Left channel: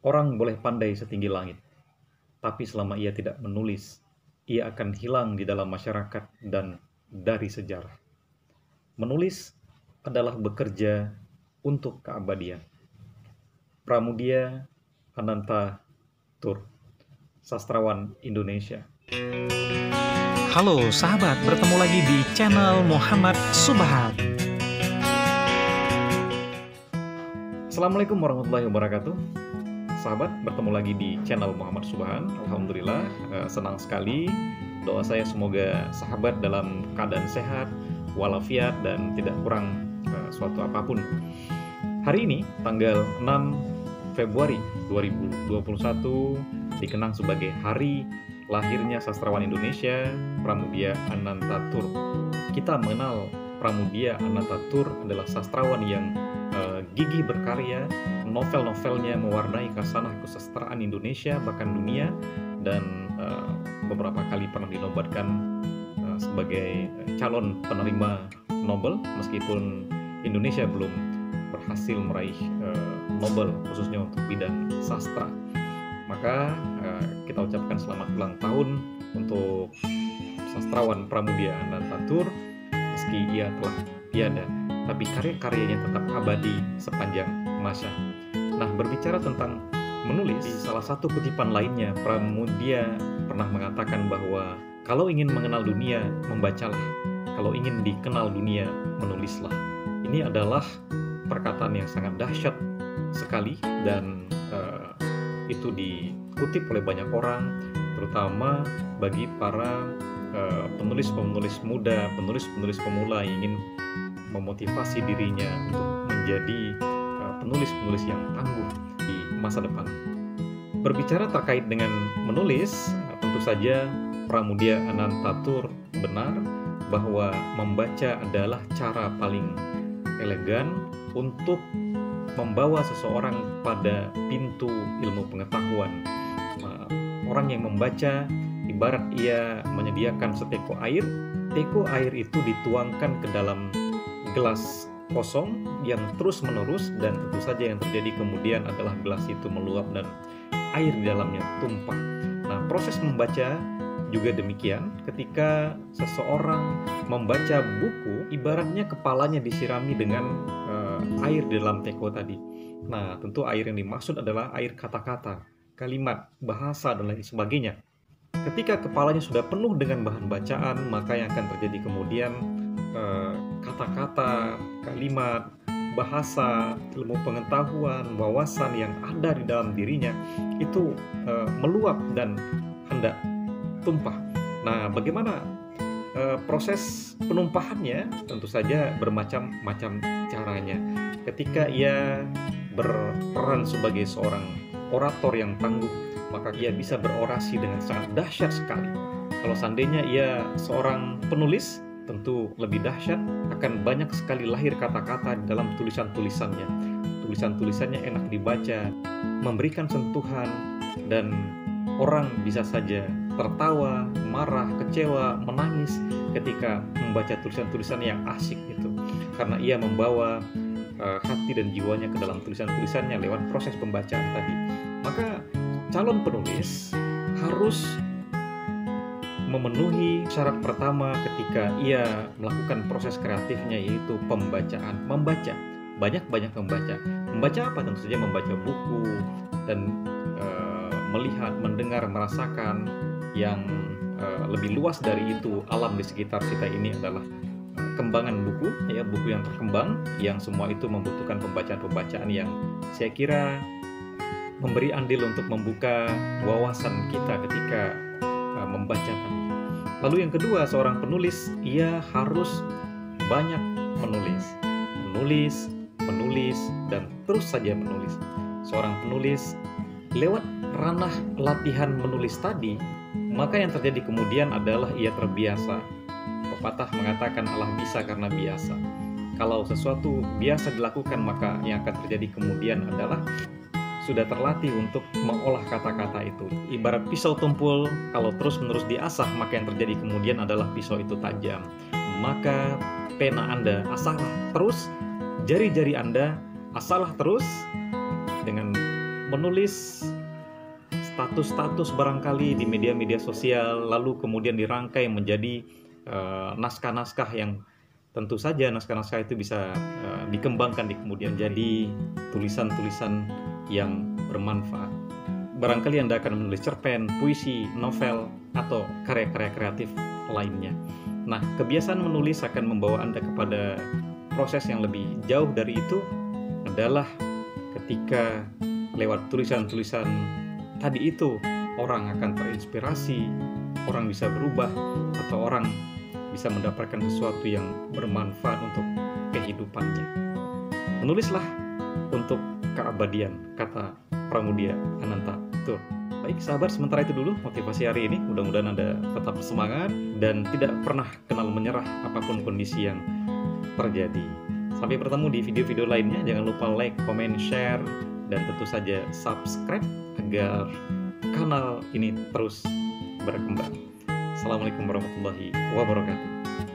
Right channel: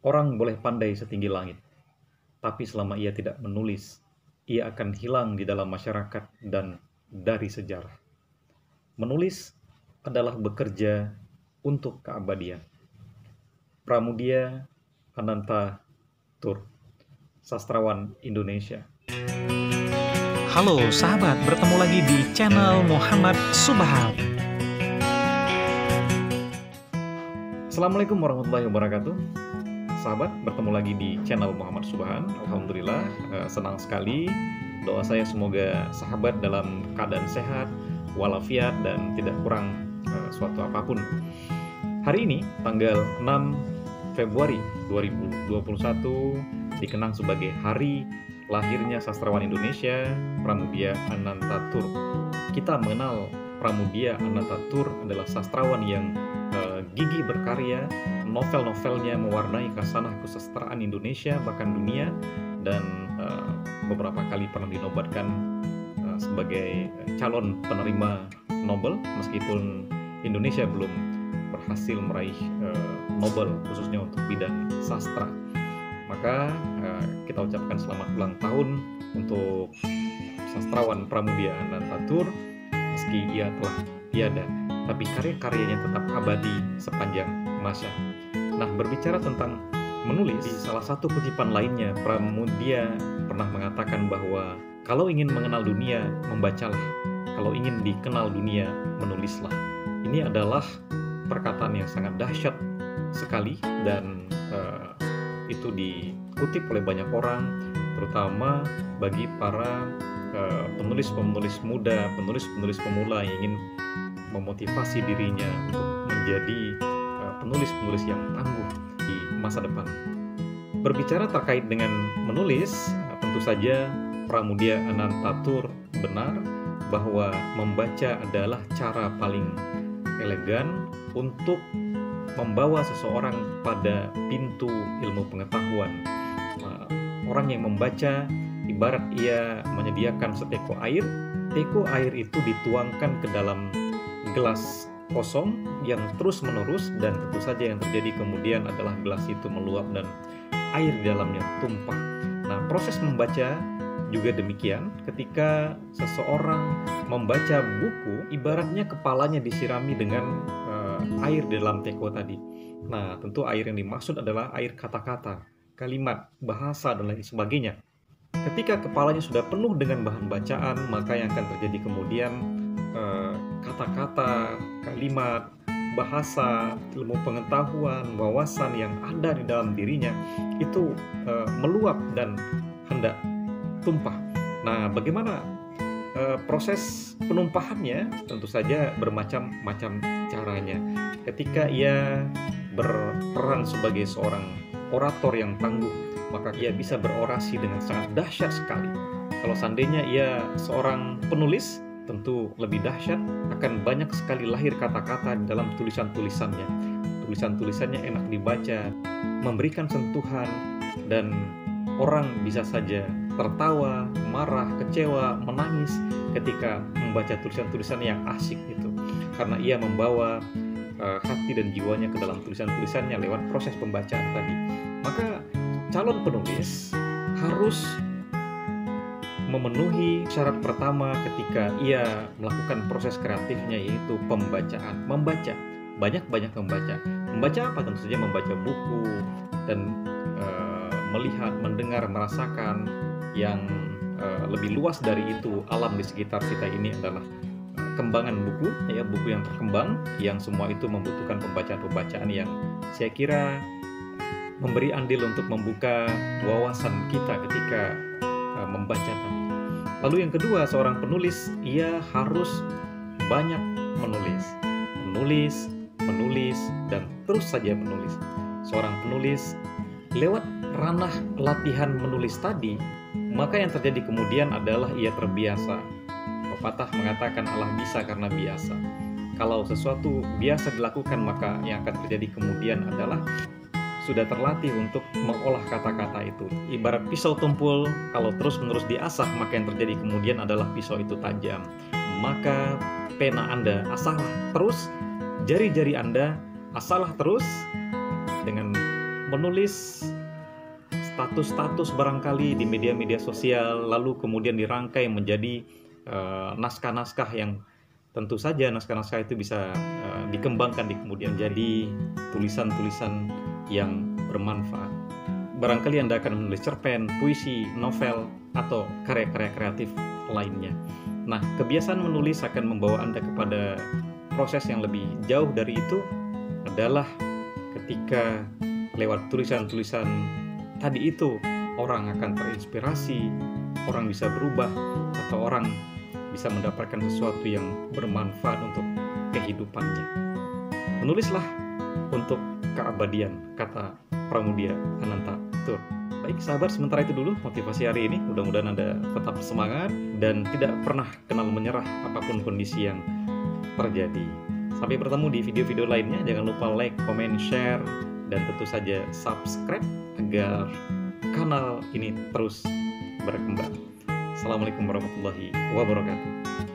Orang boleh pandai setinggi langit, tapi selama ia tidak menulis, ia akan hilang di dalam masyarakat dan dari sejarah. Menulis adalah bekerja untuk keabadian. Pramudia Ananta Tur, sastrawan Indonesia. Halo sahabat, bertemu lagi di channel Muhammad Subhan. Assalamualaikum warahmatullahi wabarakatuh. Sahabat, bertemu lagi di channel Muhammad Subhan. Alhamdulillah, senang sekali. Doa saya semoga sahabat dalam keadaan sehat, walafiat, dan tidak kurang suatu apapun. Hari ini, tanggal 6 Februari 2021, dikenang sebagai hari lahirnya sastrawan Indonesia, Pramudia Ananta Tur. Kita mengenal Pramudia Ananta Tur adalah sastrawan yang gigih berkarya, novel-novelnya mewarnai khasanah kesusastraan Indonesia bahkan dunia, dan beberapa kali pernah dinobatkan sebagai calon penerima Nobel meskipun Indonesia belum berhasil meraih Nobel khususnya untuk bidang sastra. Maka kita ucapkan selamat ulang tahun untuk sastrawan Pramudia Ananta Tur. Meski ia telah tiada, tapi karya-karyanya tetap abadi sepanjang masa. Nah, berbicara tentang menulis, di salah satu kutipan lainnya, Pramudia pernah mengatakan bahwa kalau ingin mengenal dunia, membacalah. Kalau ingin dikenal dunia, menulislah. Ini adalah perkataan yang sangat dahsyat sekali, dan itu dikutip oleh banyak orang, terutama bagi para penulis-penulis muda, penulis-penulis pemula yang ingin memotivasi dirinya untuk menjadi penulis-penulis yang tangguh di masa depan. Berbicara terkait dengan menulis, tentu saja Pramudia Ananta Tur benar bahwa membaca adalah cara paling elegan untuk membawa seseorang pada pintu ilmu pengetahuan. Orang yang membaca ibarat ia menyediakan seteko air. Teko air itu dituangkan ke dalam gelas kosong yang terus-menerus, dan tentu saja yang terjadi kemudian adalah gelas itu meluap dan air di dalamnya tumpah. Nah, proses membaca juga demikian. Ketika seseorang membaca buku, ibaratnya kepalanya disirami dengan air di dalam teko tadi. Nah, tentu air yang dimaksud adalah air kata-kata, kalimat, bahasa, dan lain sebagainya. Ketika kepalanya sudah penuh dengan bahan bacaan, maka yang akan terjadi kemudian kata-kata, kalimat, bahasa, ilmu pengetahuan, wawasan yang ada di dalam dirinya itu meluap dan hendak tumpah. Nah, bagaimana proses penumpahannya? Tentu saja bermacam-macam caranya. Ketika ia berperan sebagai seorang orator yang tangguh, maka ia bisa berorasi dengan sangat dahsyat sekali. Kalau seandainya ia seorang penulis, tentu lebih dahsyat, akan banyak sekali lahir kata-kata di dalam tulisan-tulisannya. Tulisan-tulisannya enak dibaca, memberikan sentuhan, dan orang bisa saja tertawa, marah, kecewa, menangis ketika membaca tulisan-tulisan yang asyik itu. Karena ia membawa hati dan jiwanya ke dalam tulisan-tulisannya lewat proses pembacaan tadi. Maka calon penulis harus memenuhi syarat pertama ketika ia melakukan proses kreatifnya, yaitu pembacaan. Membaca, banyak-banyak membaca. Membaca apa? Tentu saja membaca buku dan melihat, mendengar, merasakan. Yang lebih luas dari itu, alam di sekitar kita ini adalah kembangan buku, ya, buku yang terkembang, yang semua itu membutuhkan pembacaan-pembacaan yang saya kira memberi andil untuk membuka wawasan kita ketika membaca tadi. Lalu yang kedua, seorang penulis, ia harus banyak menulis. Menulis, dan terus saja menulis. Seorang penulis, lewat ranah latihan menulis tadi, maka yang terjadi kemudian adalah ia terbiasa. Pepatah mengatakan Allah bisa karena biasa. Kalau sesuatu biasa dilakukan, maka yang akan terjadi kemudian adalah sudah terlatih untuk mengolah kata-kata itu. Ibarat pisau tumpul, kalau terus-menerus diasah, maka yang terjadi kemudian adalah pisau itu tajam. Maka pena Anda asahlah terus, jari-jari Anda asahlah terus, dengan menulis status-status barangkali di media-media sosial, lalu kemudian dirangkai menjadi naskah-naskah yang tentu saja naskah-naskah itu bisa dikembangkan di kemudian menjadi tulisan-tulisan yang bermanfaat. Barangkali Anda akan menulis cerpen, puisi, novel, atau karya-karya kreatif lainnya. Nah, kebiasaan menulis akan membawa Anda kepada proses yang lebih jauh dari itu adalah ketika lewat tulisan-tulisan tadi itu orang akan terinspirasi, orang bisa berubah, atau orang bisa mendapatkan sesuatu yang bermanfaat untuk kehidupannya. Menulislah untuk keabadian, kata Pramudia Anantatur. Baik sahabat, sementara itu dulu motivasi hari ini. Mudah-mudahan Anda tetap semangat dan tidak pernah kenal menyerah apapun kondisi yang terjadi. Sampai bertemu di video-video lainnya. Jangan lupa like, comment, share, dan tentu saja subscribe agar kanal ini terus berkembang. Assalamualaikum warahmatullahi wabarakatuh.